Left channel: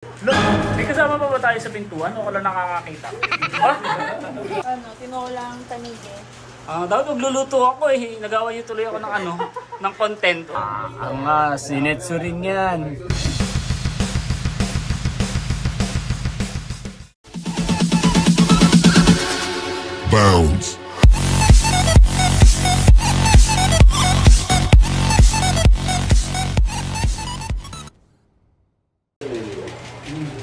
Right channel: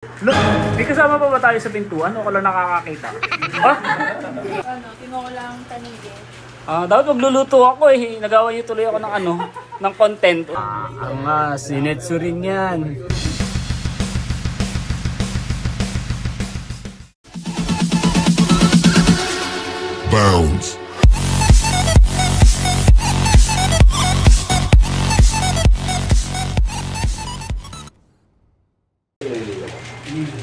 Look, may kasama pa ba tayo sa pintuan o ko lang nakakakita? Ha? Tinolang tanige. Dapat magluluto ako eh. Nagawa niyo tuloy ako ng ng content. Nga, sinetso rin yan. Bounce.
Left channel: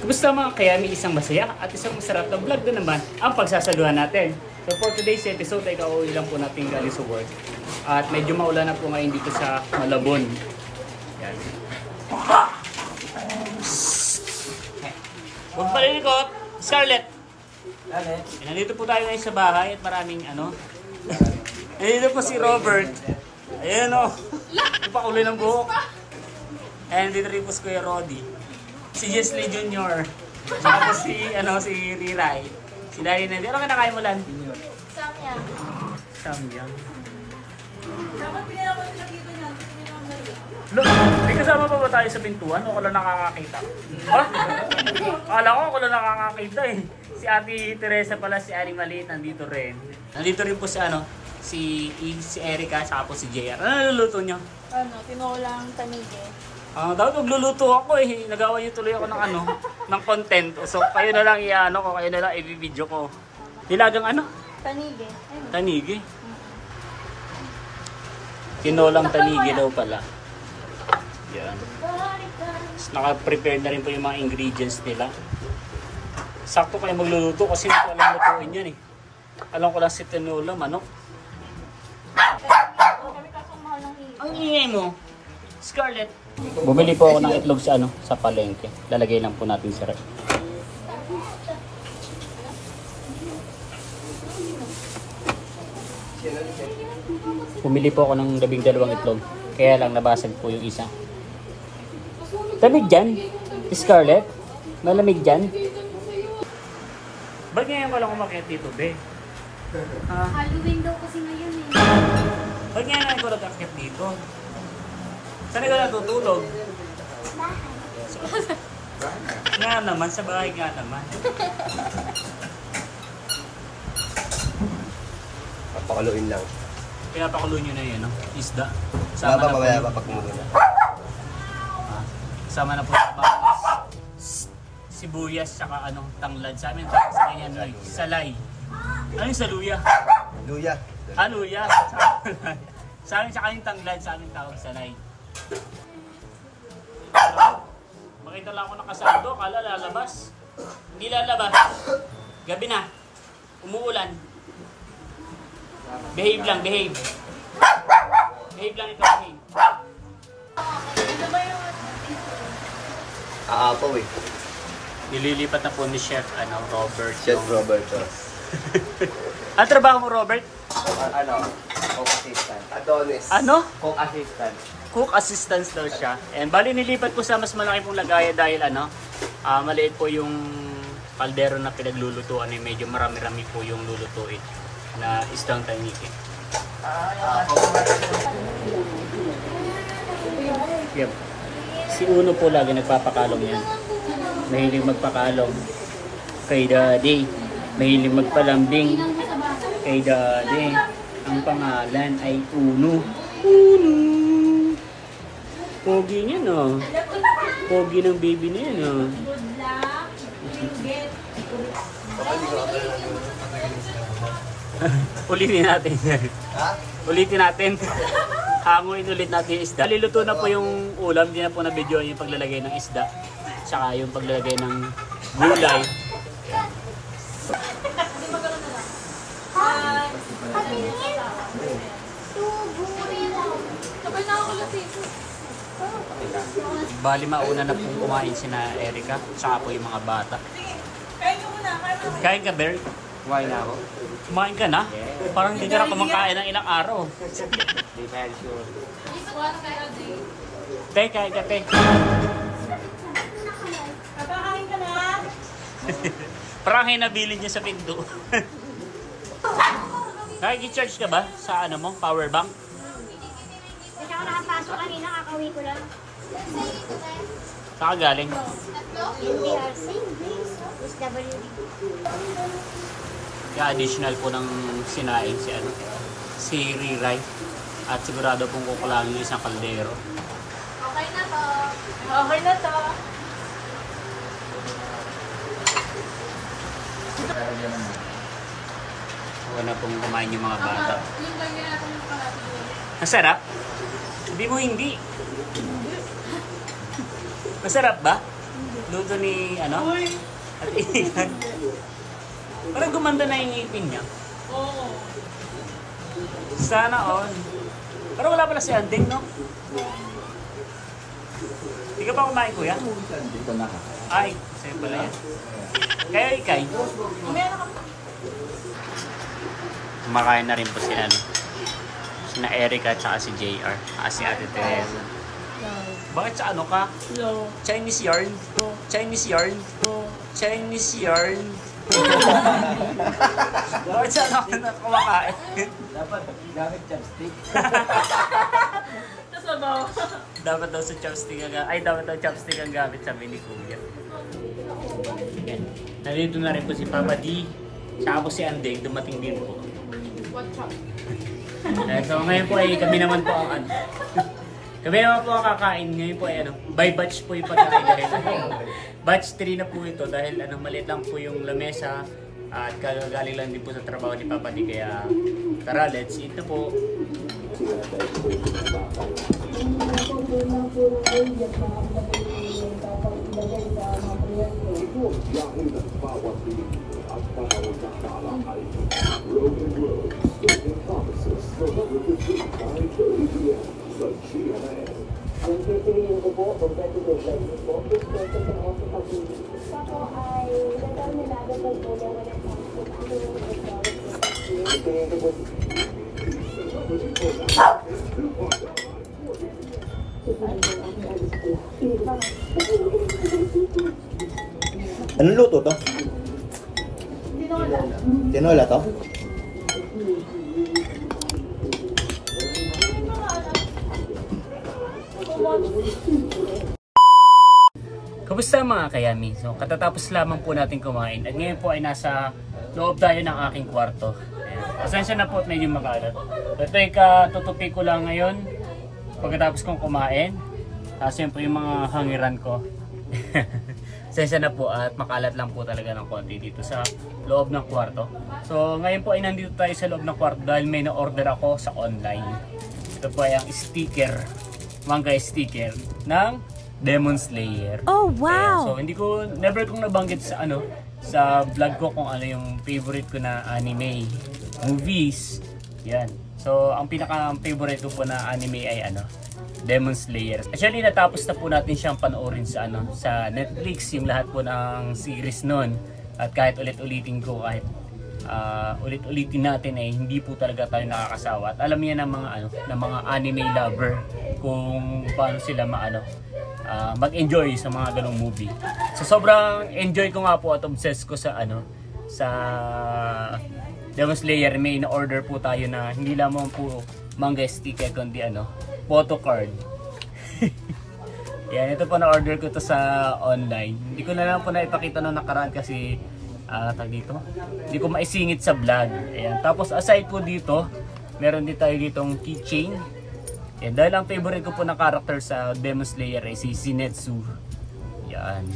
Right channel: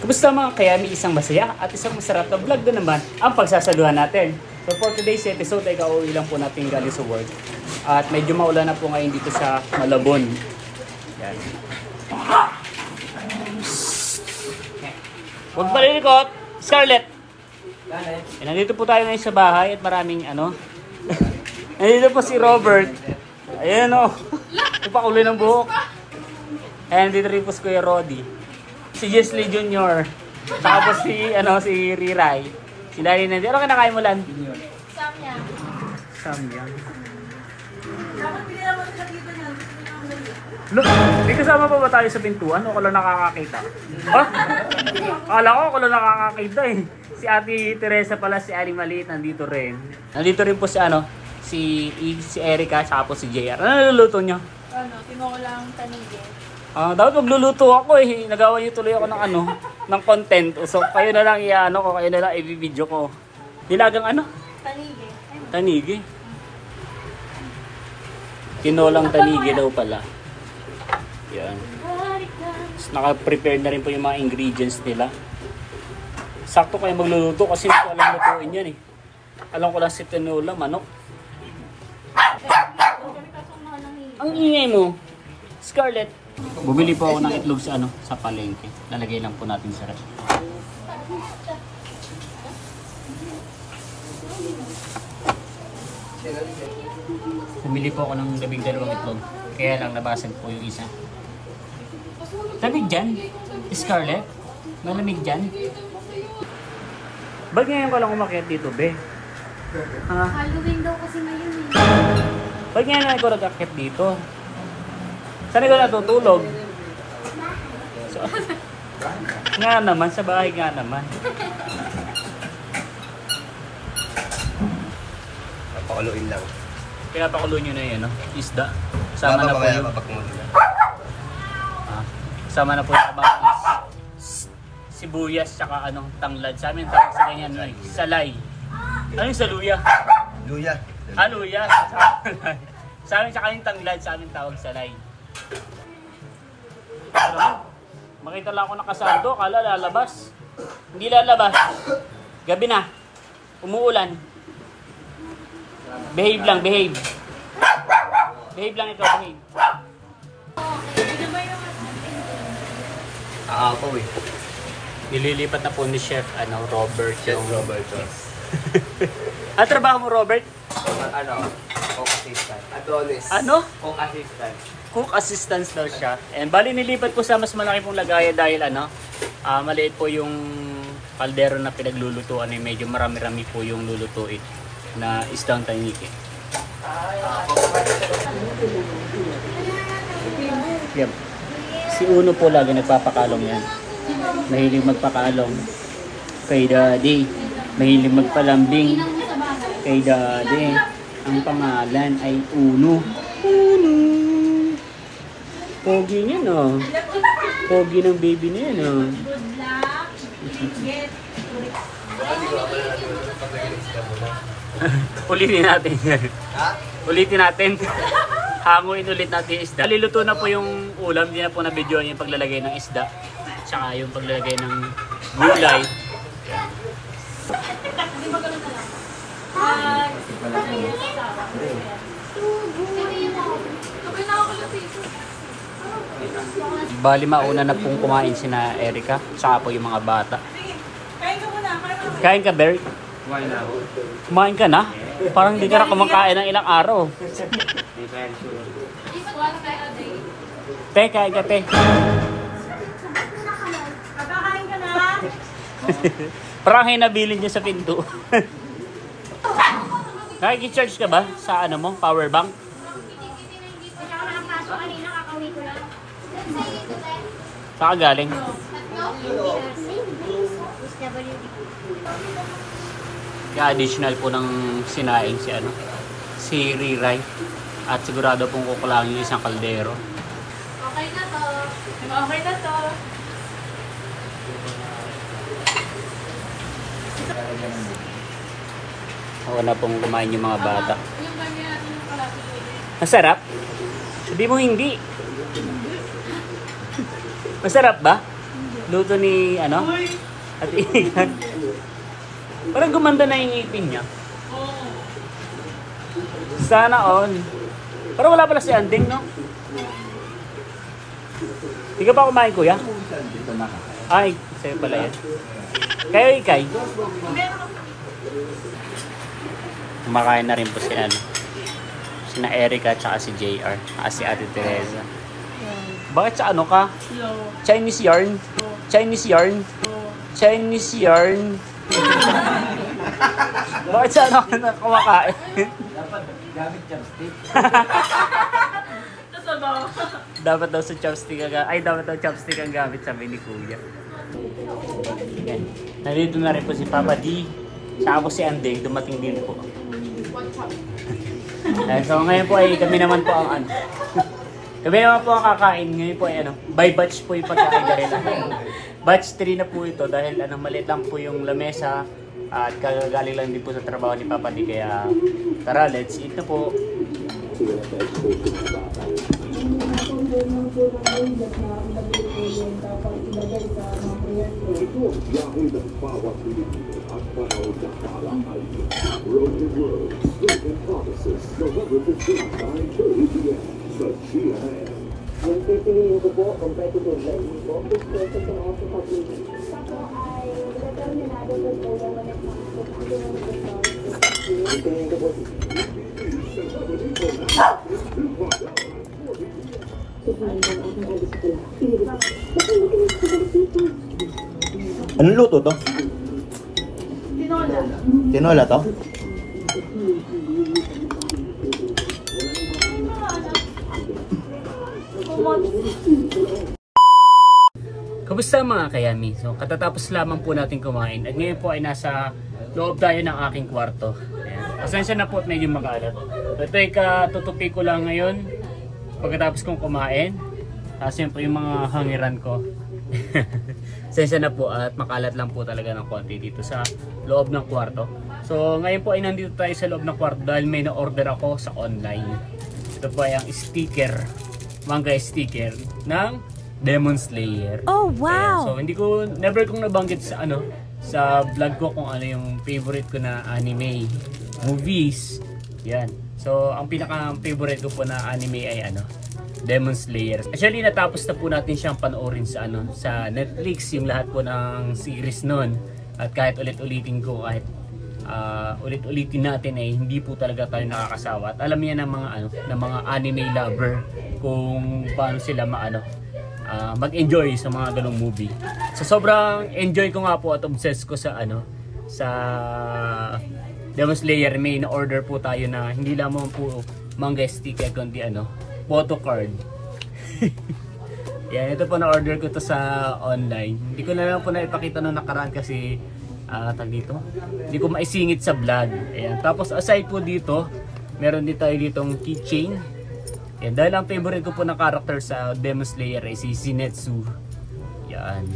Kumusta mga kaya may isang masaya at isang masarap na vlog na naman ang pagsasaluhan natin. So for today's episode ay kauwi lang po natin galing sa work. At medyo maulan na po ngayon dito sa Malabon. Yan. Huwag palilikot! Scarlett! Nandito po tayo ngayon sa bahay at maraming nandito po si Robert. Ayan o. Ipakuloy ng buhok. And dito rin po si Kuya Roddy. Si Jesly Jr. Saka po si Riray. Si Larry nandito. Ano kinakain mo, Lan? Samyang. Samyang. Dapat pinila mo sila dito niyan. Look, may kasama pa ba tayo sa pintuan o ko lang nakakakita? Ha? Akala ko lang nakakakita eh. Si Ate Teresa pala, si Ari Maliit nandito rin. Nandito rin po si Erica saka po si JR. Ano naluluto nyo? Tinolang tanige. Dapat magluluto ako eh. Nagawa niyo tuloy ako ng content. So kayo na lang kayo na lang i-video ko. Dilagang Tanige. Tanige. Tinolang tanige daw pala. Yan. Naka-prepare na rin po yung mga ingredients nila. Sakto kayo magluluto kasi hindi ko alam lutuin yan eh. Alam ko lang si tinola, manok. Ang ingay mo, Scarlett. Bumili po ako ng itlog sa palengke. Lalagay lang po natin sa ref. Bumili po ako ng 12 itlog. Kaya lang nabasag po yung isa. Lamig dyan, Scarlett. Malamig dyan. Ba't ngayon ka lang umakyat dito, be? Halloween daw kasi ngayon eh. Ba't ngayon ako nag-akyat dito? Saan ka natutulog? Nga naman, sa bahay nga naman. Papakuluin lang. Pinapakulo nyo na yun, isda. Sama na po yung... Sama na po yung kabakis. Sibuyas, saka tanglad. Sa amin tawag sa kanya salay. Ano yung saluya? Luya. Luya. Sa amin saka yung tanglad, sa amin tawag salay. Makita lang ako nakasardo, akala lalabas. Hindi lalabas. Gabi na. Umuulan. Behave lang, behave. Behave lang ito, behave. Po eh. Ililipat na po ni Chef Robert Chef yung... Robert. Ano trabaho mo, Robert? Cook assistant. Adonis. Cook assistant. Cook assistance daw siya. And bali nilipat po sa mas malaki pong lagayan dahil maliit po yung kaldero na pinaglulutuan eh. Medyo marami-rami po yung lulutuin na isdang tanike. Yep. Si Uno po lagi nagpapakalong yan. Mahilig magpakalong kay Daddy. Mahilig magpalambing kay Daddy. Ang pangalan ay Uno. Uno. Pogi niya no. Pogi ng baby niya no. Ulitin natin. Ulitin natin. Hanguin ulit natin yung isda. Liluto na po yung ulam. Hindi na po na-video yung paglalagay ng isda. Tsaka yung paglalagay ng gulay. Bali mauna na pong kumain sina Erica. Tsaka po yung mga bata. Kain ka, Bert? Kumain na ako. Kumain ka na? Parang hindi ka na kumakain ng ilang araw. Hindi pa yan sure. Te, kain ka, te. Pagkakain ka na. Parang hinabilin niya sa pinto. Nakikicharge ka ba sa power bank? Kasi ako nakapasok kanina, kakawin ko lang. Saan ka galing? NDRC. SWD. Kaya additional po ng sinaing si Riray. At sigurado pong kukulangin yung isang kaldero. Okay na to. Okay na to. Ako na pong kumain yung mga bata. Masarap? Sabi mo hindi. Masarap ba? Luto ni at Igan. Parang gumanda na yung ngipin niya. Sana all. Pero wala pala si Anding, no? Hindi ka pa kumain, kuya? Dito na ka. Ay, sa'yo pala yan. Kayo, Ikay? Kumakain na rin po si sina Erica at saka si JR. At si Ate Teresa. Bakit sa ka? Chinese yarn? Chinese yarn? Chinese yarn? Bakit sa ka na kumakain? Dapat gamit chopstick. Dapat daw sa chopstick dapat daw chopstick ang gamit, sabi ni Kuya. Yan. Nandito na rin po si Papa D. Tapos si Andeng, dumating din po. So ngayon po ay kami naman po ang kami naman po ang kakain. Ngayon po ay by batch po yung pagkain na rin. Batch 3 na po ito dahil maliit lang po yung lamesa. At kagaling lang din po sa trabaho ni Papa D. Kaya tara, let's eat na po. Anong luto to? Tinola. Tinola to? Kamusta mga kayami? So, katatapos lamang po natin kumain at ngayon po ay nasa loob tayo ng aking kwarto. Ayan. Pasensya na po at medyo makalat. Ito ay katutupi ko lang ngayon pagkatapos kong kumain. Kasi yun po yung mga hangiran ko. Pasensya na po at makalat lang po talaga ng konti dito sa loob ng kwarto. So ngayon po ay nandito tayo sa loob ng kwarto dahil may na-order ako sa online. Ito po ay ang sticker, manga sticker ng Demon Slayer. Oh wow! So hindi ko, never kong nabanggit sa sa vlog ko kung ano yung favorite ko na anime, movies. Yan. So ang pinaka-favorite ko po na anime ay Demon Slayer. Actually natapos na po natin siyang panoorin sa sa Netflix, yung lahat po ng series noon. At kahit ulit-ulitin ko, kahit ulit-ulitin natin ay hindi po talaga tayo nakakasawa. At alam niya ng mga ng mga anime lover kung paano sila mag-enjoy sa mga ganong movie. So sobrang enjoy ko nga po at obsessed ko sa sa Demon Slayer. May na-order po tayo na hindi lamang po manga sticker kundi photo card. Yan, ito po na-order ko to sa online. Hindi ko na lang po na ipakita nung nakaraan kasi dito, hindi ko maisingit sa vlog. Ayan. Tapos aside po dito, meron din tayo ditong keychain. Yan, dahil ang favorite ko po na character sa Demon Slayer ay si Zenitsu. Yan.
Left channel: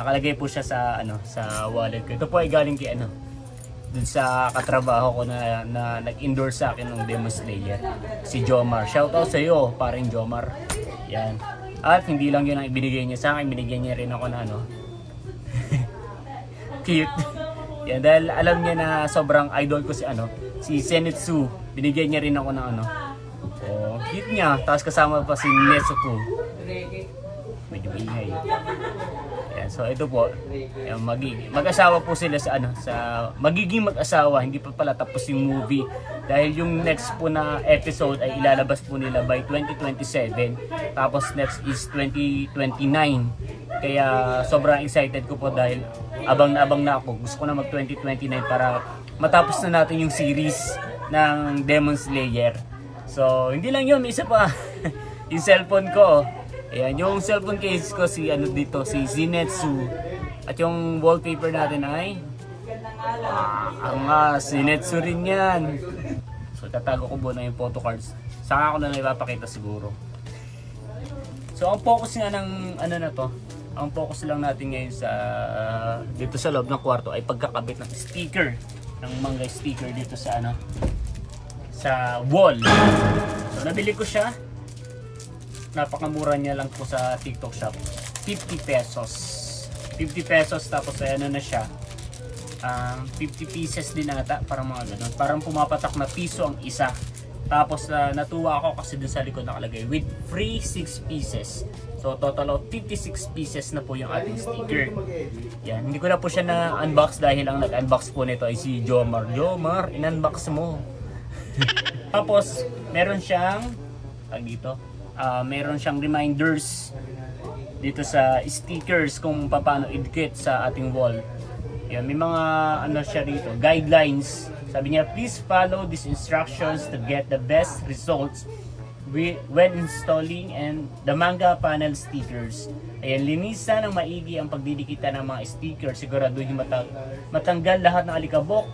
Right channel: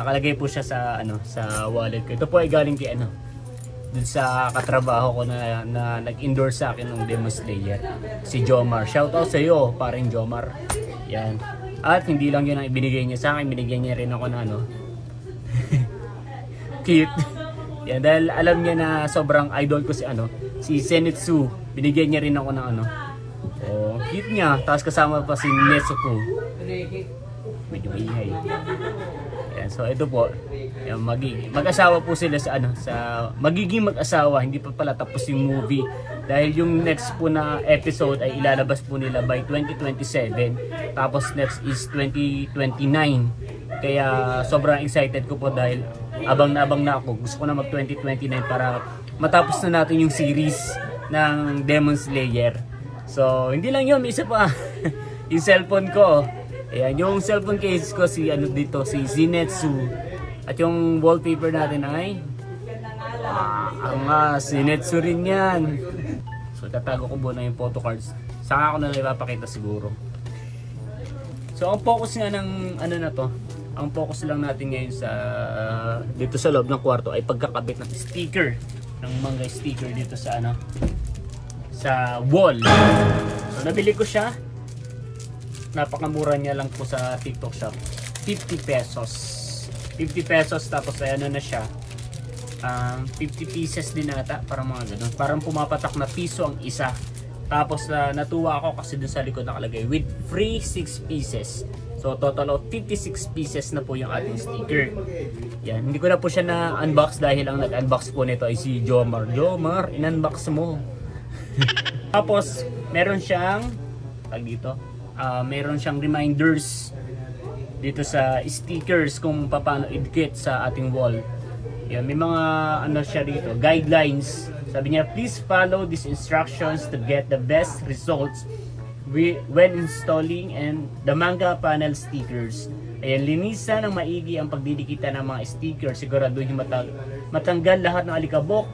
Nakalagay po siya sa sa wallet ko. Ito po ay galing kay dun sa katrabaho ko na nag-endorse sa akin ng Demon Slayer, si Jomar. Shoutout sa iyo, paring Jomar. Yan. At hindi lang yun ang ibinigay niya sa akin, binigyan niya rin ako na cute. Yan, dahil alam niya na sobrang idol ko si Zenitsu. Binigyan niya rin ako ng cute niya. Tapos kasama pa si Nezuko. Medyo maingay. Yan, so ito po, mag-asawa po sila sa magiging mag-asawa. Hindi pa pala tapos yung movie dahil yung next po na episode ay ilalabas po nila by 2027. Tapos next is 2029. Kaya sobrang excited ko po dahil abang na ako. Gusto ko na mag 2029 para matapos na natin yung series ng Demon Slayer. So hindi lang yun, isa pa yung cellphone ko. Ayan, yung cellphone case ko si si Zenitsu. At yung wallpaper natin ay Zenitsu rin yan. So tatago ko muna yung photo cards. Saka ako na lang ipapakita siguro. So ang focus nga ng na to, ang focus lang natin ngayon sa dito sa loob ng kwarto ay pagkakabit ng sticker, ng manga sticker dito sa sa wall. So nabili ko siya. Napakamura niya lang po sa TikTok shop. 50 pesos. 50 pesos tapos ay na siya. 50 pieces din ata, parang mga ganun. Parang pumapatak na piso ang isa. Tapos natuwa ako kasi dun sa likod nakalagay with free 6 pieces. So total of 56 pieces na po yung ating sticker. Yan, hindi ko na po siya na-unbox dahil ang nag-unbox po nito ay si Jomar. Jomar, in-unbox mo. Tapos meron siyang meron siyang reminders dito sa stickers kung paano idikit sa ating wall. Yan, may mga siya dito, guidelines. Sabi niya, please follow these instructions to get the best results when installing and the manga panel stickers. Ayan, linisan ng maigi ang pagdidikitan ng mga stickers. Siguraduhin matanggal lahat ng alikabok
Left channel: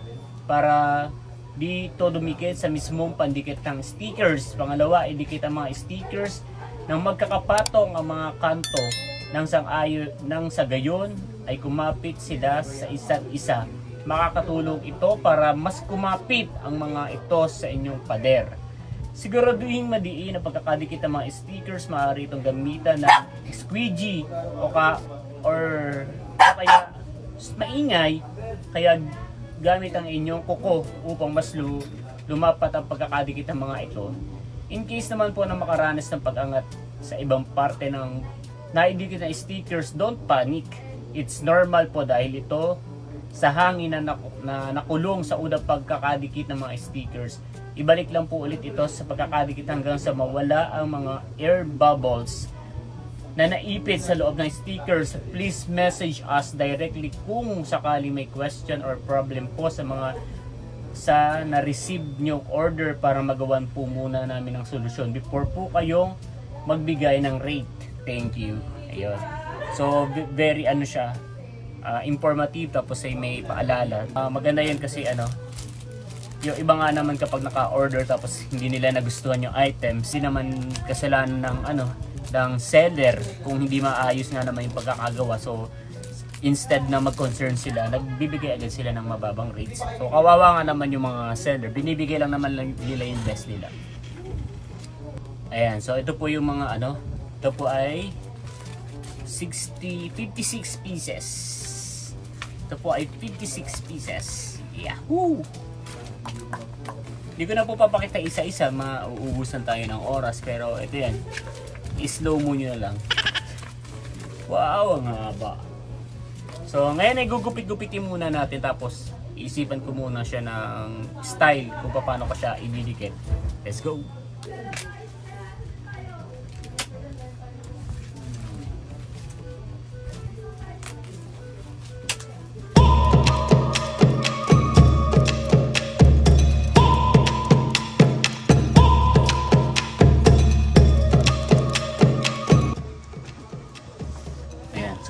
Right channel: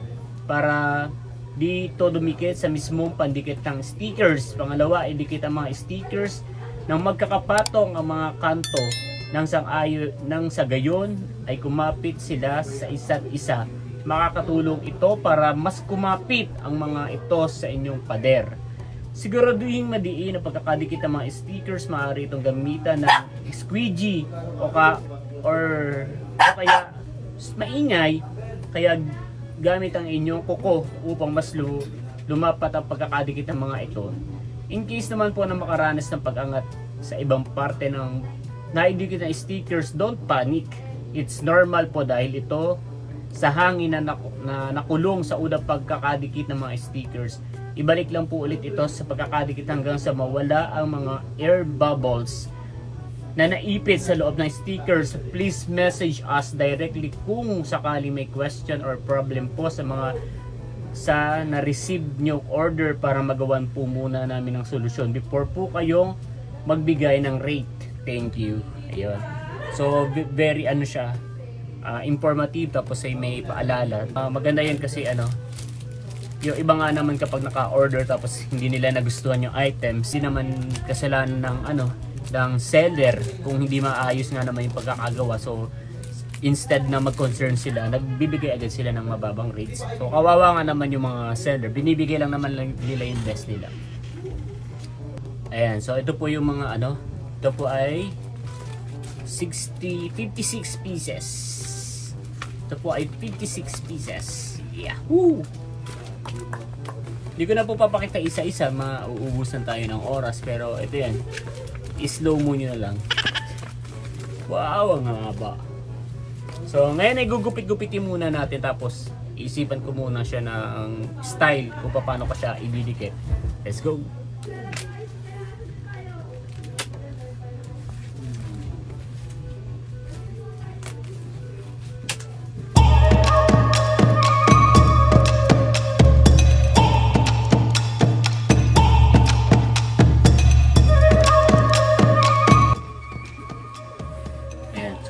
para dito dumikit sa mismong pandikit ng stickers. Pangalawa, idikit ang mga stickers nang magkakapatong ang mga kanto nang sa gayon ay kumapit sila sa isa't isa. Makakatulong ito para mas kumapit ang mga ito sa inyong pader. Siguraduhin madiin ang pagkakadikit ng mga stickers. Maaari itong gamitan ng squeegee o kaya maingay, kaya gamit ang inyong kuko upang mas lumapat ang pagkakadikit ng mga ito. In case naman po na makaranas ng pag-angat sa ibang parte ng naidikit na stickers, don't panic. It's normal po dahil ito sa hangin na nakulong sa unang pagkakadikit ng mga stickers. Ibalik lang po ulit ito sa pagkakadikit hanggang sa mawala ang mga air bubbles na naipit sa loob ng stickers. Please message us directly kung sakali may question or problem po sa na-receive nyong order para magawan po muna namin ang solusyon before po kayong magbigay ng rate. Thank you. Ayun. So very siya, informative, tapos ay may paalala. Maganda yan kasi yung iba nga naman kapag naka-order tapos hindi nila nagustuhan yung items, hindi naman kasalanan ng seller kung hindi maayos nga naman yung pagkakagawa. So instead na mag-concern sila, nagbibigay agad sila ng mababang rates. So kawawa nga naman yung mga seller, binibigay lang naman nila yung best nila. Ayan, so ito po yung mga ito po ay 56 pieces. Ito po ay 56 pieces. Yahoo! Hindi ko na po papakita isa-isa, mauubusan tayo ng oras, pero ito yan, i-slow mo nyo na lang. Wow, ang haba. So ngayon ay gugupit-gupitin muna natin, tapos isipan ko muna siya ng style kung paano ko siya ididikit. Let's go!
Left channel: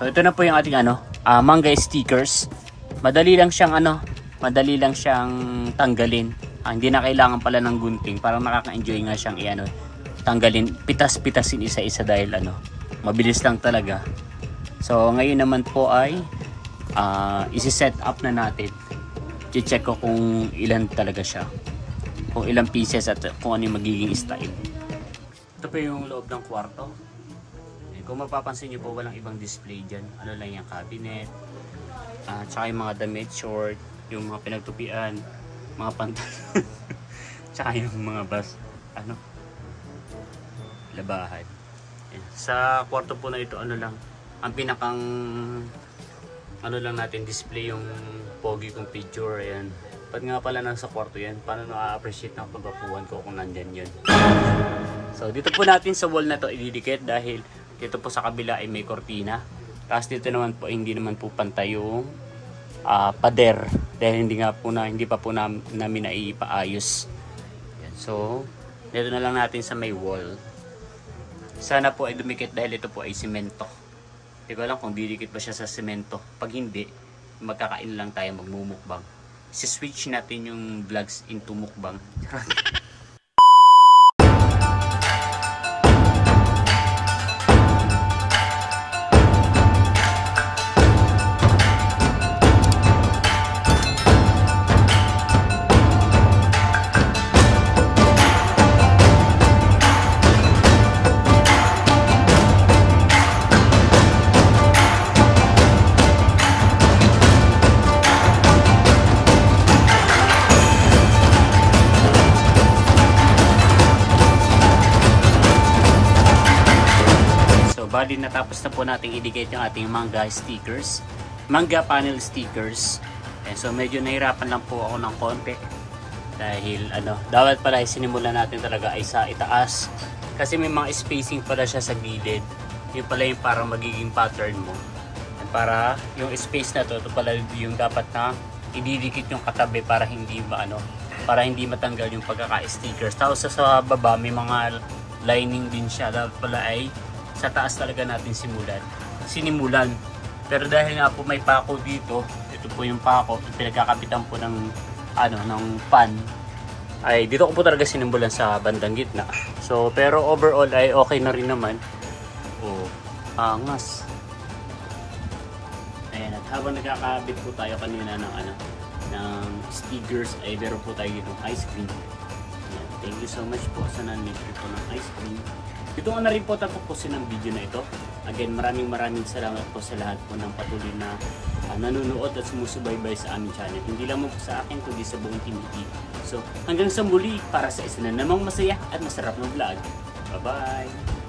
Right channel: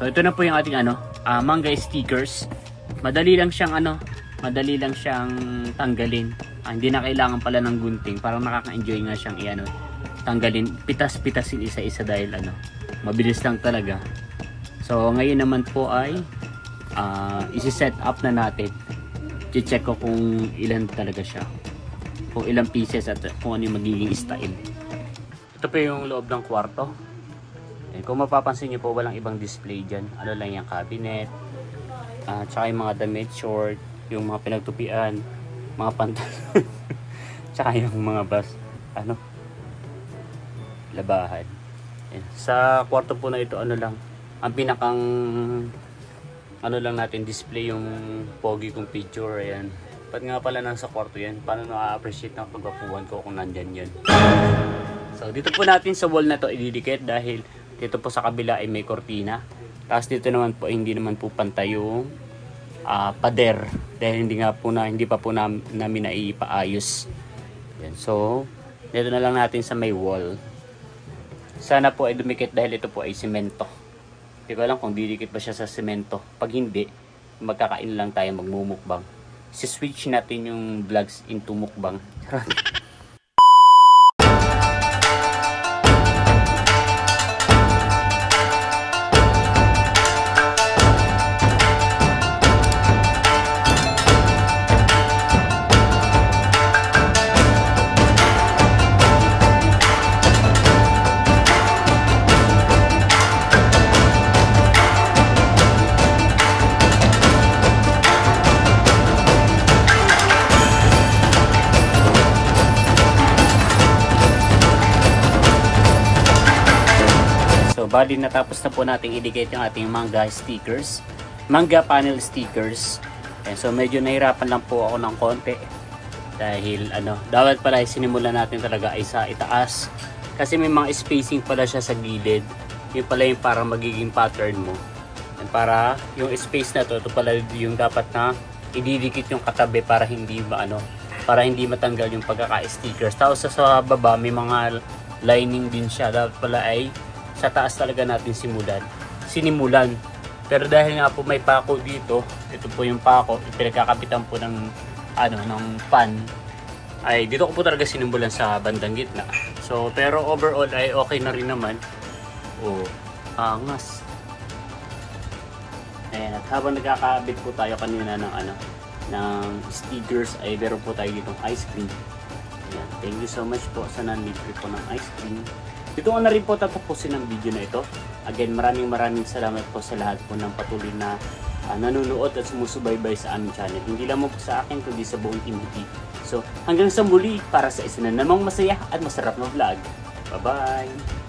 So ito na po yung ating manga stickers. Madali lang siyang tanggalin. Hindi na kailangan pala ng gunting. Parang nakaka-enjoy nga siyang tanggalin, pitas-pitasin isa-isa dahil mabilis lang talaga. So ngayon naman po ay isi-set up na natin. I-check ko kung ilan talaga siya. Kung ilang pieces at kung ano yung magiging style. Ito po yung loob ng kwarto. Kung mapapansin nyo po, walang ibang display dyan. Lang yung cabinet, tsaka yung mga damit, short, yung mga pinagtupian, mga pantalon, tsaka yung mga labahan. Ayan. Sa kwarto po na ito, ang pinakang lang natin display yung pogi kong picture. Ayan. Ba't nga pala nasa kwarto yan? Paano na-appreciate ng pagkakuhan ko kung nandyan yan? So dito po natin sa wall na to ididikit dahil dito po sa kabila ay may kortina. Tapos dito naman po hindi naman po pantay yung pader dahil hindi pa po namin naipaayos. Yan. So dito na lang natin sa may wall. Sana po ay dumikit dahil ito po ay semento. Hindi ko alam kung didikit ba siya sa semento. Pag hindi, magkakain lang tayo, magmumukbang. Si-switch natin yung vlogs into mukbang. Bali, natapos na po natin i-dictate yung ating manga stickers, manga panel stickers. And so medyo nahirapan lang po ako ng konti dahil dapat pala sinimulan natin talaga ay sa itaas kasi may mga spacing pala siya sa gilid. Yung pala yung parang magiging pattern mo. And para yung space na to, ito pala yung dapat na ididikit yung katabi para hindi para hindi matanggal yung pagkaka-stickers. Tapos sa baba may mga lining din siya. Dapat pala ay sa taas talaga natin sinimulan. Pero dahil nga po may pako dito, ito po yung pako, pinagkakapitan po ng pan, ay dito ko po talaga sinimulan sa bandang gitna. So pero overall ay okay na rin naman. Angas. Ayan, at habang nagkakabit po tayo kanina ng stickers, ay meron po tayo ditong ice cream. Ayan, thank you so much po sa nanlibre po ng ice cream. Dito ko na rin po tatapusin ang video na ito. Again, maraming salamat po sa lahat po ng patuloy na nanonood at sumusubaybay sa aming channel. Hindi lang po sa akin, kundi sa buong Team Iti. So, hanggang sa muli para sa isa na namang masaya at masarap na vlog. Bye-bye!